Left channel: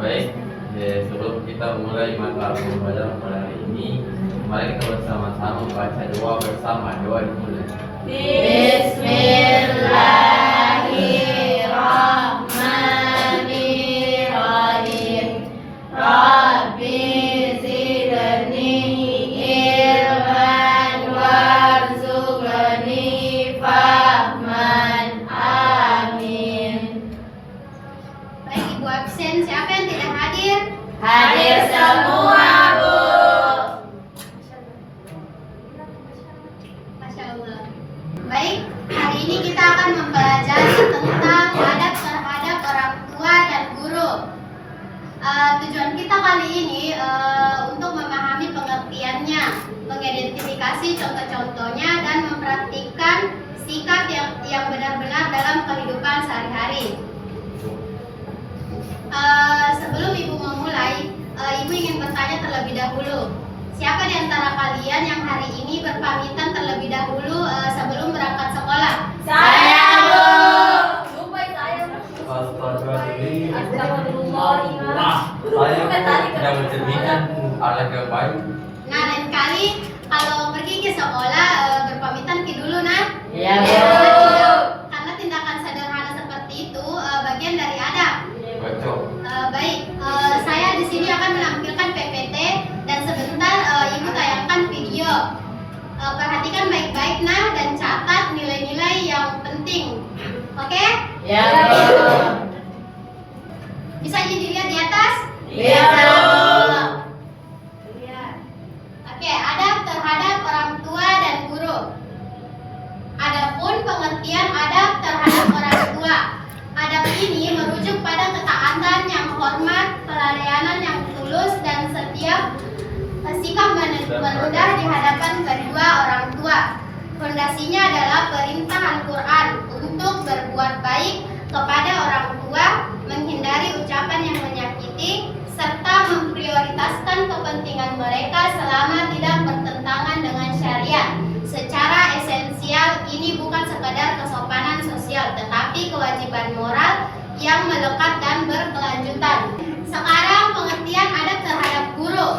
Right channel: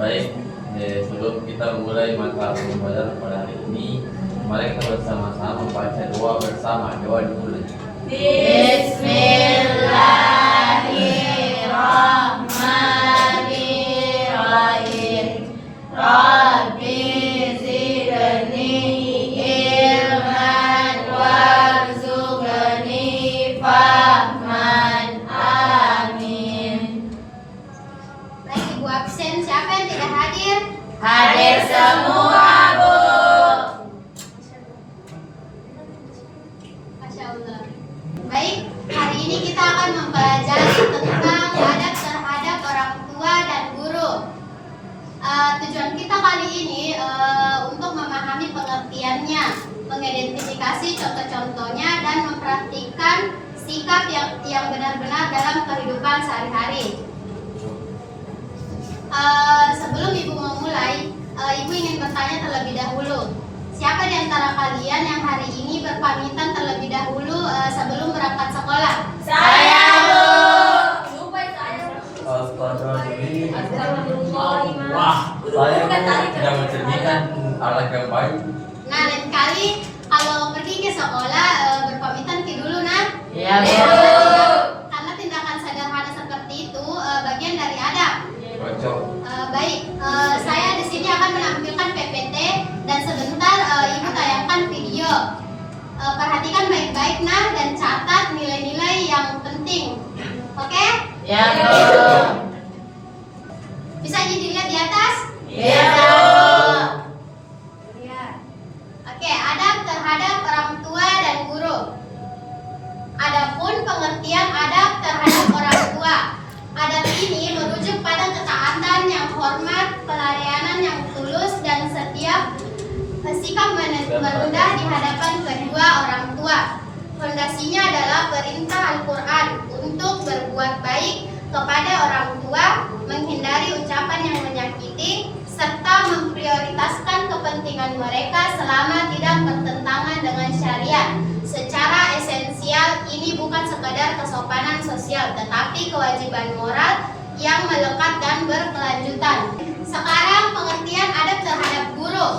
Baik, sebelum kita mulai mata pembelajaran pada hari ini, mari kita bersama-sama membaca doa bersama. Doa dimulai. Bismillahirrahmanirrahim. Rabbi zidni ilman warzuqni fahman. Amin. Baik, Ibu absen. Siapa yang tidak hadir? Hadir semua, Bu. Masya Allah. Baik, hari ini kita akan mempelajari tentang adab terhadap orang tua dan guru. Tujuan kita kali ini untuk memahami pengertiannya, mengidentifikasi contoh-contohnya, dan memperhatikan sikap yang benar-benar dalam kehidupan sehari-hari. Sebelum Ibu memulai, Ibu ingin bertanya terlebih dahulu. Siapa di antara kalian yang hari ini berpamitan terlebih dahulu sebelum berangkat sekolah? Saya, Bu. Wah, saya tidak mencerminkan alat yang baik. Nah, lain kali kalau pergi ke sekolah berpamitan dulu, nah. Iya, Bu. Karena tindakan sederhana seperti itu bagian dari adab. Cocok. Baik, saya di sini akan menampilkan PPT dan sebentar Ibu tayangkan video. Perhatikan baik-baik nah dan catat nilai-nilai yang penting. Oke? Ya, Bu. Bisa dilihat di atas? Iya, Bu. Lihat. Oke, adab terhadap orang tua dan guru. Adapun pengertian adab terhadap orang tua. Adab ini merujuk pada ketaatan yang hormat, pelayanan yang tulus, dan setiap sikap merendah di hadapan kedua orang tua. Fondasinya adalah perintah Al-Quran untuk berbuat baik kepada orang tua, menghindari ucapan yang menyakiti, serta memprioritaskan kepentingan mereka selama tidak bertentangan dengan syariat. Secara esensial, ini bukan sekadar kesopanan sosial, tetapi kewajiban moral yang melekat dan berkelanjutan. Sekarang pengertian adab terhadap guru.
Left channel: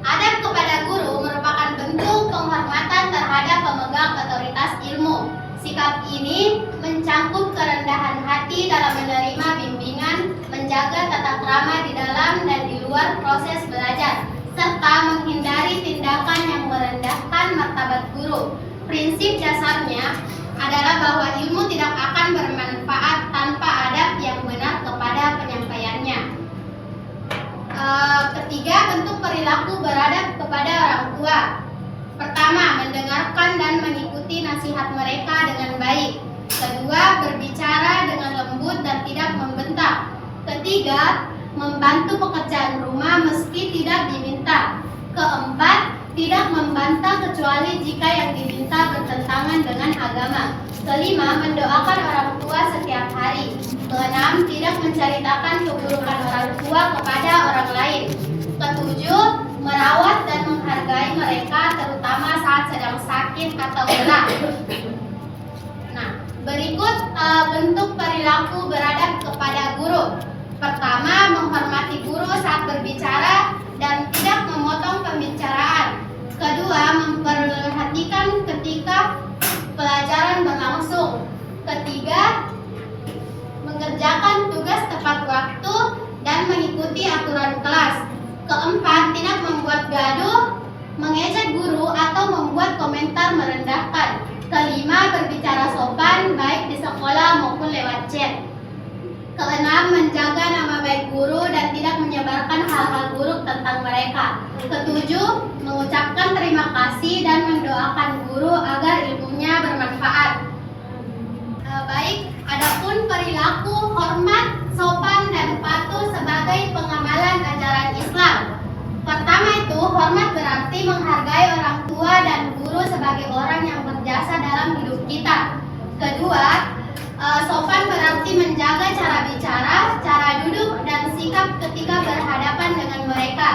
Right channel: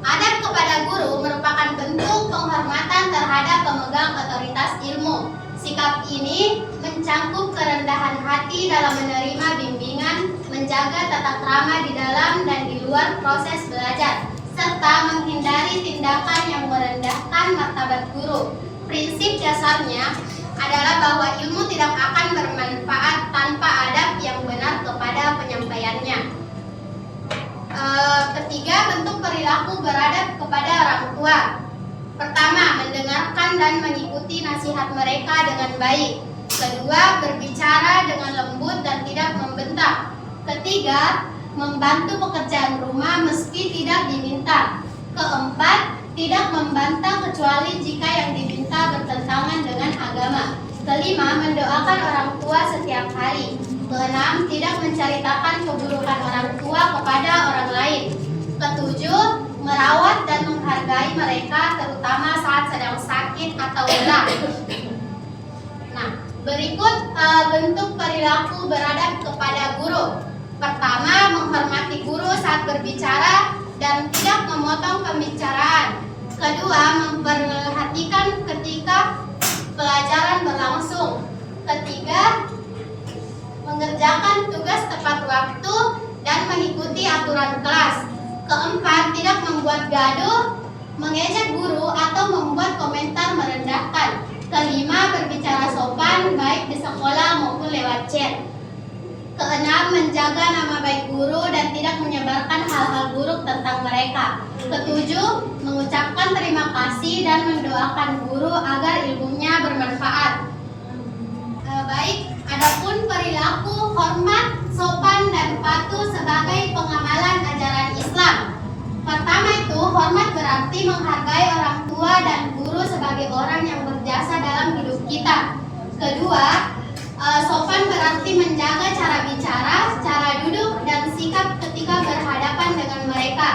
Adab kepada guru merupakan bentuk penghormatan terhadap pemegang otoritas ilmu. Sikap ini mencangkup kerendahan hati dalam menerima bimbingan, menjaga tata krama di dalam dan di luar proses belajar, serta menghindari tindakan yang merendahkan martabat guru. Prinsip dasarnya adalah bahwa ilmu tidak akan bermanfaat tanpa adab yang benar kepada penyampaiannya. Ketiga, bentuk perilaku beradab kepada orang tua. Pertama, mendengarkan dan mengikuti nasihat mereka dengan baik. Kedua, berbicara dengan lembut dan tidak membentak. Ketiga, membantu pekerjaan rumah meski tidak diminta. Keempat, tidak membantah kecuali jika yang diminta bertentangan dengan agama. Kelima, mendoakan orang tua setiap hari. Keenam, tidak menceritakan keburukan orang tua kepada orang lain. Ketujuh, merawat dan menghargai mereka terutama saat sedang sakit atau lelah. Nah, berikut bentuk perilaku beradab kepada guru. Pertama, menghormati guru saat berbicara dan tidak memotong pembicaraan. Kedua, memperhatikan ketika pelajaran berlangsung. Ketiga, mengerjakan tugas tepat waktu dan mengikuti aturan kelas. Keempat, tidak membuat gaduh, mengejek guru, atau membuat komentar merendahkan. Kelima, berbicara sopan baik di sekolah maupun lewat chat. Keenam, menjaga nama baik guru dan tidak menyebarkan hal-hal buruk tentang mereka. Ketujuh, mengucapkan terima kasih dan mendoakan guru agar ilmunya bermanfaat. Baik, adapun perilaku hormat, sopan, dan patuh sebagai pengamalan ajaran Islam. Pertama itu, hormat berarti menghargai orang tua dan guru sebagai orang yang berjasa dalam hidup kita. Kedua, sopan berarti menjaga cara bicara, cara duduk, dan sikap ketika berhadapan dengan mereka.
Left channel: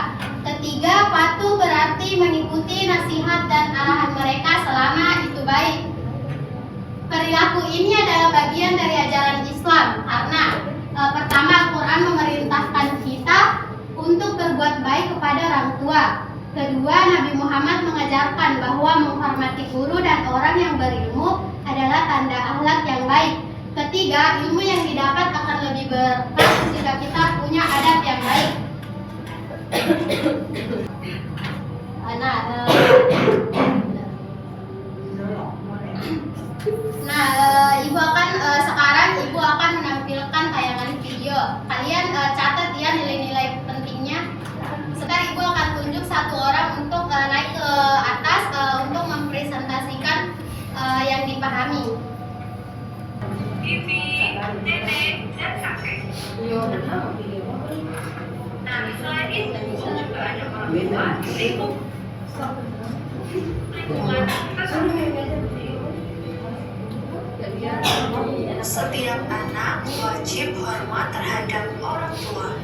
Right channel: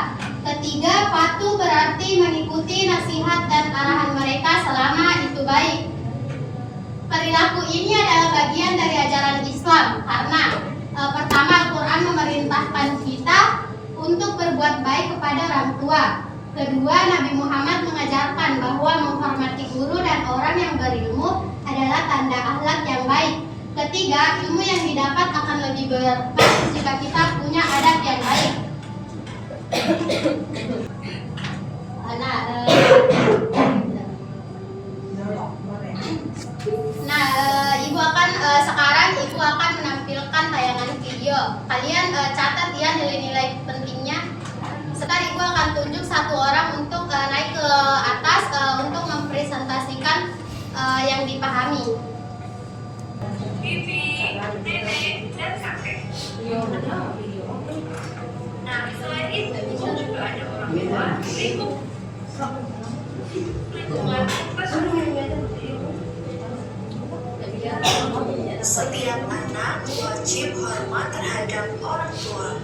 Ketiga, patuh berarti mengikuti nasihat dan arahan mereka selama itu baik. Perilaku ini adalah bagian dari ajaran Islam. Islam karena pertama Al-Quran memerintahkan kita untuk berbuat baik kepada orang tua. Kedua, Nabi Muhammad mengajarkan bahwa menghormati guru dan orang yang berilmu adalah tanda akhlak yang baik. Ketiga, ilmu yang didapat akan lebih berkah jika kita punya adab yang baik. Ibu akan menampilkan tayangan video. Kalian catat ya nilai-nilai pentingnya. Sekarang Ibu akan tunjuk satu orang untuk naik ke atas untuk mempresentasikan yang dipahami. Bibi, nenek, dan kakek. Nah, selain itu juga ada orang tua, lingkungan Setiap anak wajib hormat terhadap orang tua,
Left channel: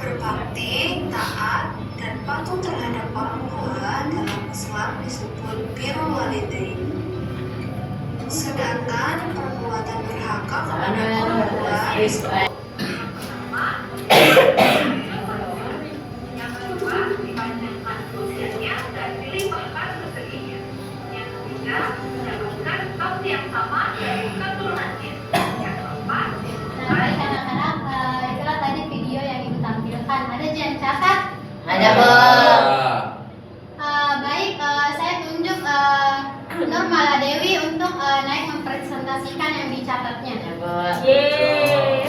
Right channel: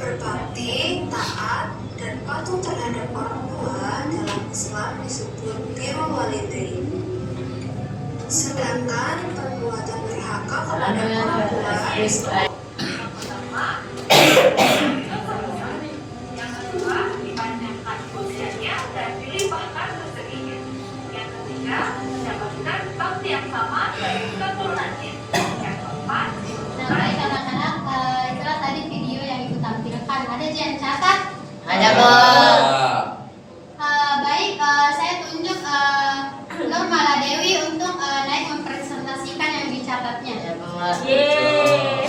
berbakti, taat, dan patuh terhadap orang tua dalam Islam disebut birrul walidain. Sedangkan perbuatan durhaka kepada orang tua disebut yang kedua, dipanjangkan usianya dan dilimpahkan rezekinya. Yang ketiga, mendapatkan bakti yang sama dari keturunannya. Yang keempat, Baik anak-anak, itulah tadi video yang Ibu tampilkan. Ada yang catat? Ada, Bu. Baik, saya tunjuk Nur Maladewi untuk naik mempresentasikan yang dicatatnya. Ya, Bu. yeay.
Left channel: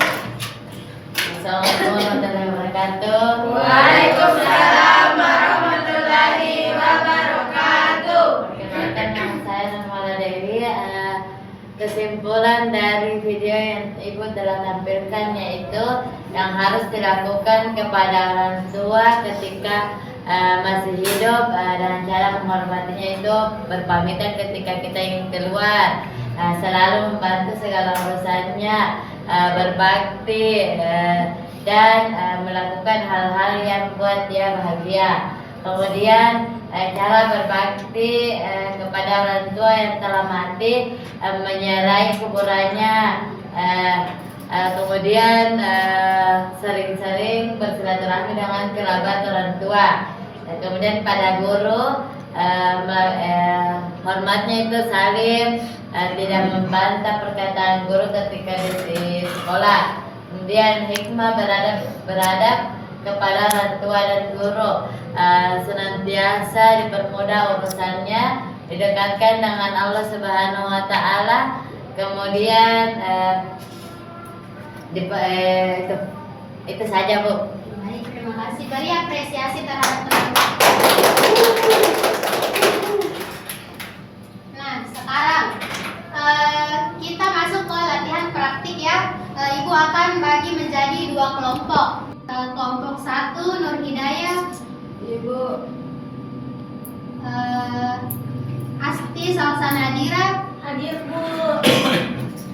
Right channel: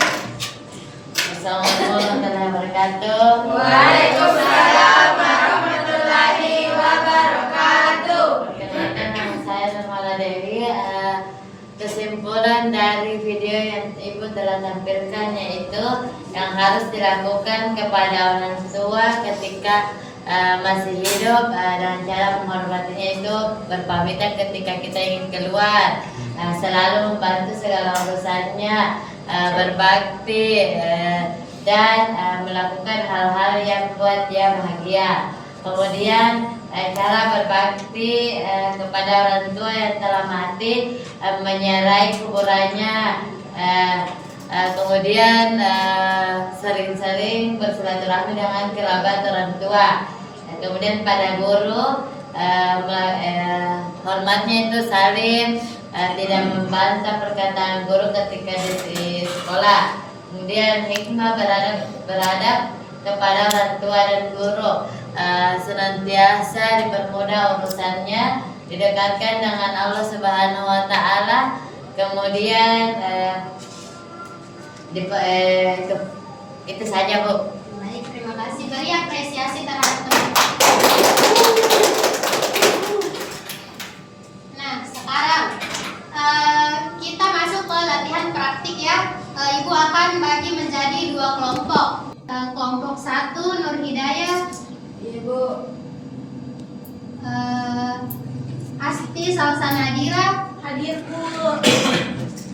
Assalamualaikum warahmatullahi wabarakatuh. Waalaikumsalam warahmatullahi wabarakatuh. Perkenalkan, nama saya Nurmala Dewi. Kesimpulan dari video yang Ibu telah tampilkan yaitu yang harus dilakukan kepada orang tua ketika masih hidup, dan cara menghormatinya itu berpamitan ketika kita ingin keluar, selalu membantu segala urusannya, berbakti, dan melakukan hal-hal yang buat dia bahagia. Kemudian cara berbakti kepada orang tua yang telah mati, menyerai kuburannya, kemudian sering-sering bersilaturahmi dengan kerabat orang tua. Kemudian pada guru, hormatnya itu salim, tidak membantah perkataan guru ketika di sekolah. Kemudian hikmah beradab kepada orang tua dan guru, senantiasa dipermudah urusannya, didekatkan dengan Allah Subhanahu wa Ta'ala. Kemudian itu saja, Bu. Baik, terima kasih. Beri apresiasi terhadap teman. Nah, sekarang kita masuk ke latihan praktik ya. Ibu akan bagi menjadi dua kelompok. Kelompok 1 Nur Hidayah, Ibu. Asti Salsa Nadira, Hadir, Bu.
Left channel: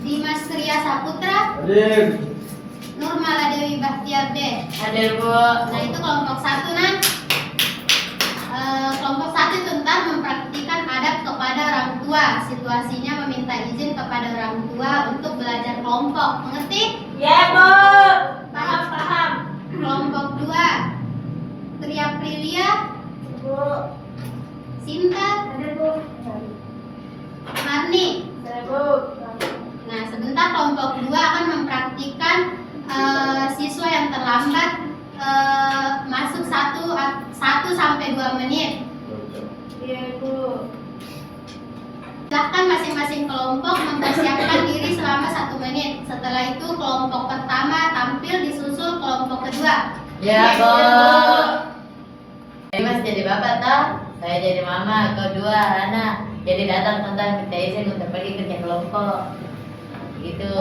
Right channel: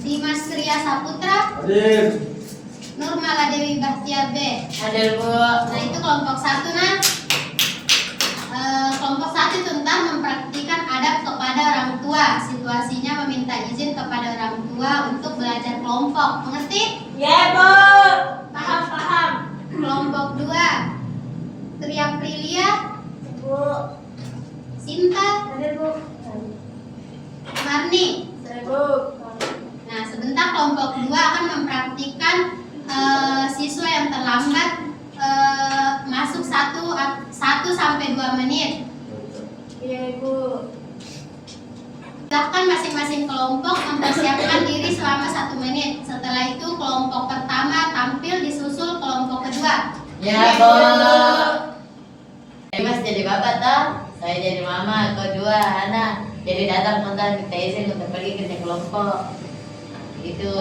Dimas Surya Saputra, Nur Maladewi Bahtiar B. Hadir, Bu. Nah, itu kelompok 1 nah. Kelompok 1 tentang mempraktikkan adab kepada orang tua. Situasinya meminta izin kepada orang tua untuk belajar kelompok. Mengerti? Ya, Bu. Paham. Kelompok 2 Tria Prilia, Bu. Sinta, Hadir, Bu. Marni. Bu. Nah, sebentar kelompok 2 akan mempraktikkan siswa yang terlambat masuk 1 sampai 2 menit. Iya, Bu. Silakan masing-masing kelompok mempersiapkan diri selama 1 menit. Setelah itu kelompok pertama tampil disusul kelompok kedua. Ya, Bu. Mas jadi bapak toh, saya jadi mama, kedua anak jadi datang tentang kita izin untuk pergi kerja kelompok. Gitu.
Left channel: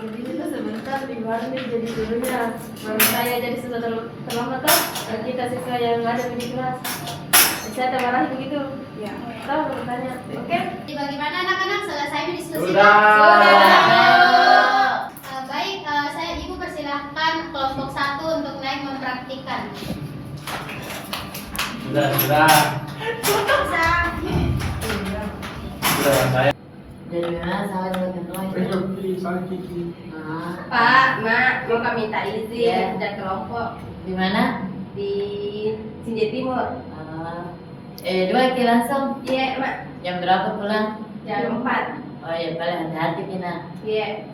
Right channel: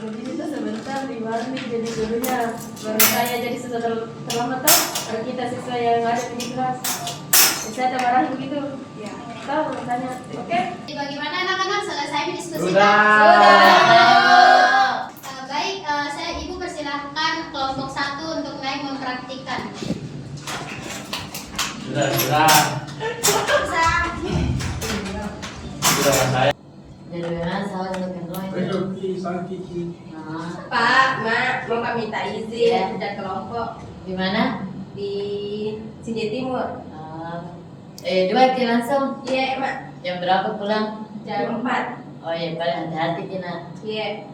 Jadi kita sebentar di nih jadi gurunya, baru saya jadi sudah terlambat toh. Kita siswa yang ada di kelas, saya termarahi begitu. Ya, tahu tanya. Oke? Jadi bagaimana anak-anak, selesai diskusinya? Sudah. Baik, saya Ibu persilahkan kelompok 1 untuk naik mempraktikkan. Sudah, saya. Jadi Dari mana saya juga kenal itu. Pak, Mak, mau kami minta izin Iya. ada kelompok Di mana? di Sinjai Timur. Dua itu langsung. Iya, Mak. Jam berapa pulang? Jam 4. Oh iya, paling hati-hati Kina. Iya.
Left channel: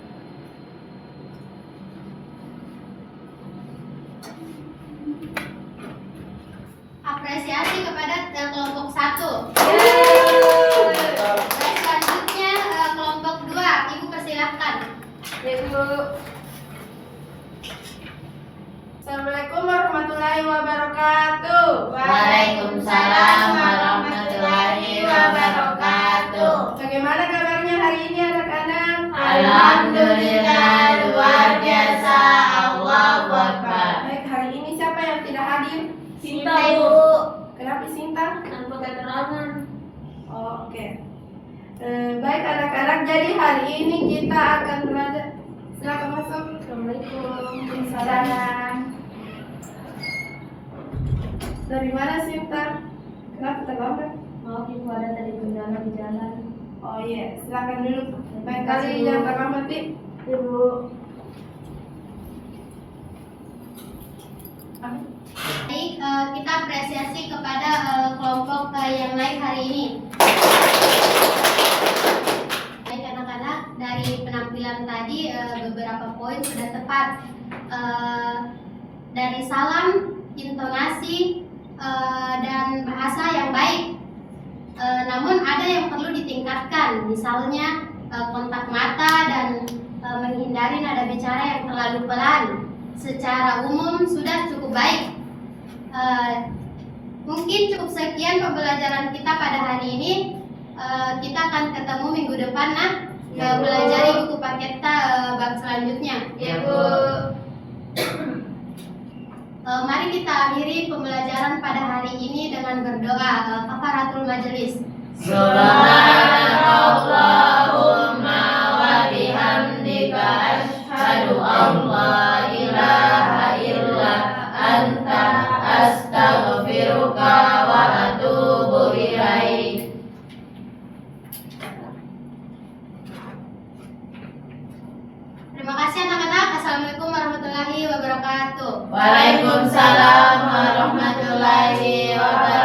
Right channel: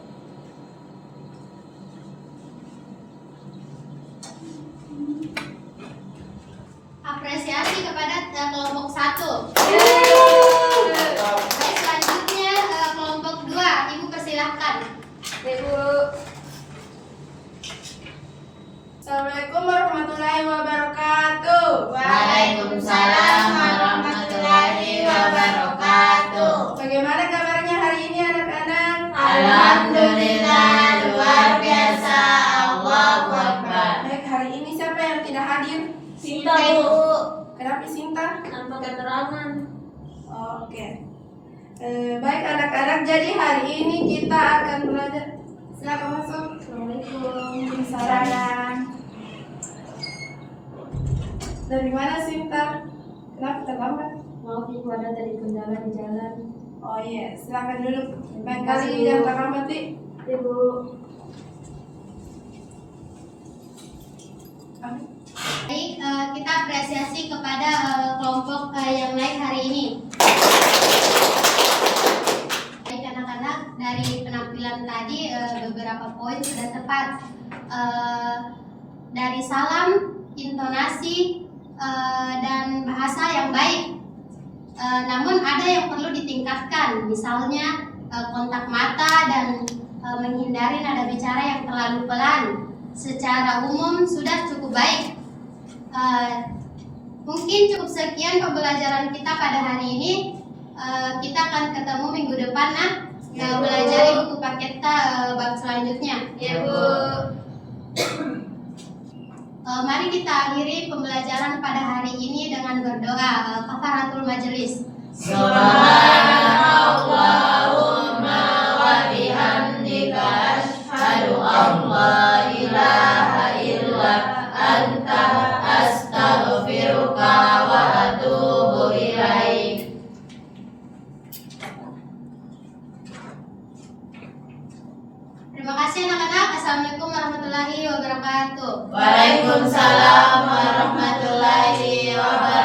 Apresiasi kepada kelompok 1. Baik, selanjutnya kelompok 2. Ibu persilahkan. Ibu. Assalamualaikum warahmatullahi wabarakatuh. Waalaikumsalam warahmatullahi wabarakatuh. Bagaimana kabarnya hari ini anak-anak? Alhamdulillah luar biasa. Allahu Akbar. Baik, hari ini siapa yang tidak hadir? Sinta Bu. Kenapa Sinta? Tanpa keterangan. Oh, oke. Baik anak-anak, jadi hari ini kita akan belajar. Silakan masuk. Assalamualaikum warahmatullahi wabarakatuh. Dari mana Sinta? Kenapa terlambat? Maaf Ibu, ada tadi kendala di jalan. Oh iya, silakan duduk. Lain Terima kasih, kali Bu. jangan terlambat, Dik. Ibu. Baik, kita apresiasi kepada kelompok yang lain hari ini. Baik anak-anak, dari penampilan tadi beberapa poin sudah tepat. Dari salam, intonasi, dan bahasa yang baik. Namun ada yang perlu ditingkatkan, misalnya kontak mata dan menghindari nada bicara yang terlalu pelan. Secara umum sudah cukup baik. Mungkin cukup sekian pembelajaran kita pada hari ini. Kita akan ketemu minggu depan, nah. Belajar buku paket bab selanjutnya. Ya Bu. Mari kita akhiri pembelajaran pada hari ini dengan berdoa kafaratul majelis. Subhanallahumma wa bihamdika asyhadu an la ilaha illa anta astaghfiruka wa atubu ilaik. Terima kasih anak-anak. Assalamualaikum warahmatullahi wabarakatuh. Waalaikumsalam warahmatullahi wabarakatuh.